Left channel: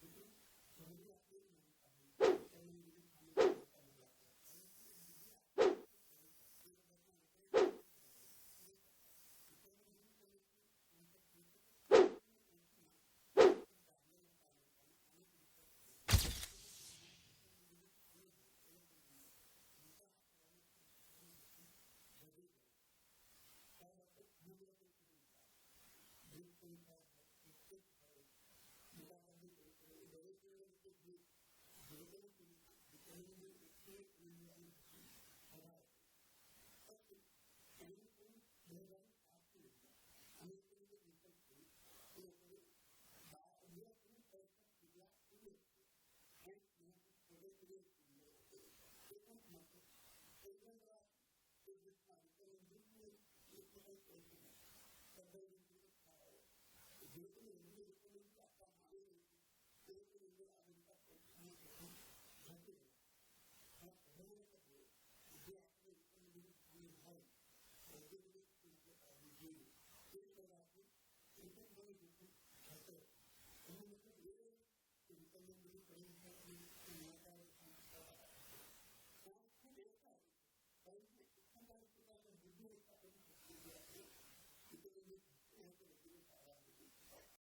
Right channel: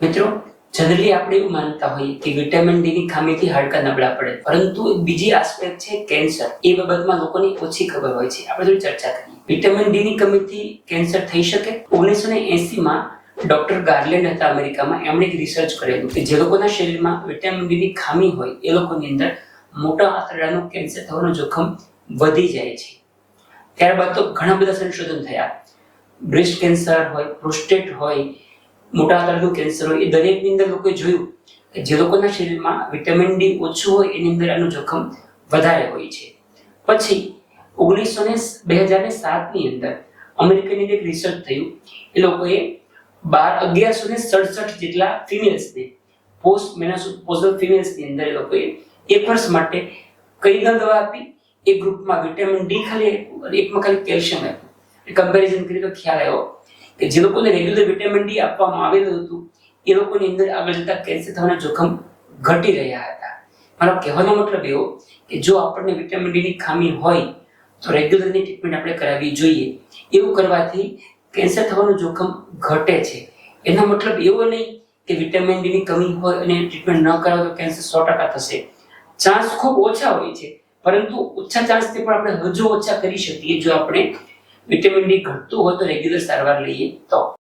મિત્રો, જનરલી આપણે એવું માનતા હોઈએ કે વિટામિન ડી ની ખામીથી હાડકા નબળા પડે, પરંતુ એક બીજી આસ્પેક્ટ છે કેન્સર. એ બાબતમાં લોકોની ઓછી ખબર હોય છે. આપણે થોડી ચર્ચા કરીએ. વિટામિન ડી ની કમીથી કેન્સર થઈ શકે? 1980 માં ડોક્ટર ગાર્લેન્ડ હતા અમેરિકામાં. એમણે એક રિસર્ચ કરેલું કે જે લોકોના શરીરમાં વિટામિન ડી ની ખામી હોય એ લોકોની અંદર મોટા આંતરડાનું કેન્સર થવાનું જોખમ વધી જાય છે. ત્યારબાદ તો ઘણા બધા સંશોધન થયા. બ્રેસ્ટ કેન્સર હોય, પ્રોસ્ટેટ હોય, મોટા આંતરડાનું કેન્સર હોય, એ દરેકની અંદર લોકોએ જોયું કે જે લોકોના શરીરમાં વિટામિન ડી ઓછું હોય એની અંદર આનું જોખમ વધારે હોય છે. પછી 2007 ની અંદર અમેરિકાની એક રિસર્ચ થયું. એ લોકોએ 1167 જેટલા ફિમેલ્સને, પોસ્ટ મેનોપોઝલ ફિમેલ્સની અંદર એ લોકોએ 1 વર્ષ માટે કઈ દવા આપી, એક ગ્રુપમાં વિટામિન ડી ખાલી આપ્યું અને એકમાં ખાલી કેલ્શિયમ આપ્યું. કમ્પેરિઝન કરી તો ખ્યાલ આવ્યો કે જે લોકોને રેગ્યુલર વિટામિન ડી આપવામાં આવેલું હતું એ લોકોની અંદર આગળ જતા કેન્સર થવાના જોખમ ઘટી રહ્યા હતા. મારો કહેવાનો મતલબ એવો કે જો આપણને વિટામિન ડી ની ખામી હોય તો રેગ્યુલરની ટ્રીટમેન્ટ આપણે કરાવવી જોઈએ. એવું કરવાથી કેન્સર થવાનું જોખમ ઘટે છે. એનો મતલબ એવો નહીં કે વિટામિન ડી ની કમી હોય અને ટ્રીટમેન્ટ ન કરાવો તો કેન્સર 100% થશે. ચાન્સ ખૂબ ઓછા હોય છે, પરંતુ ઓછા ચાન્સથી પણ આપણે હજુ ઓછા કરી શકીએ જો આપણે વિટામિન ડી ઘટતું હોય તો રેગ્યુલર સારવાર લઈએ તો.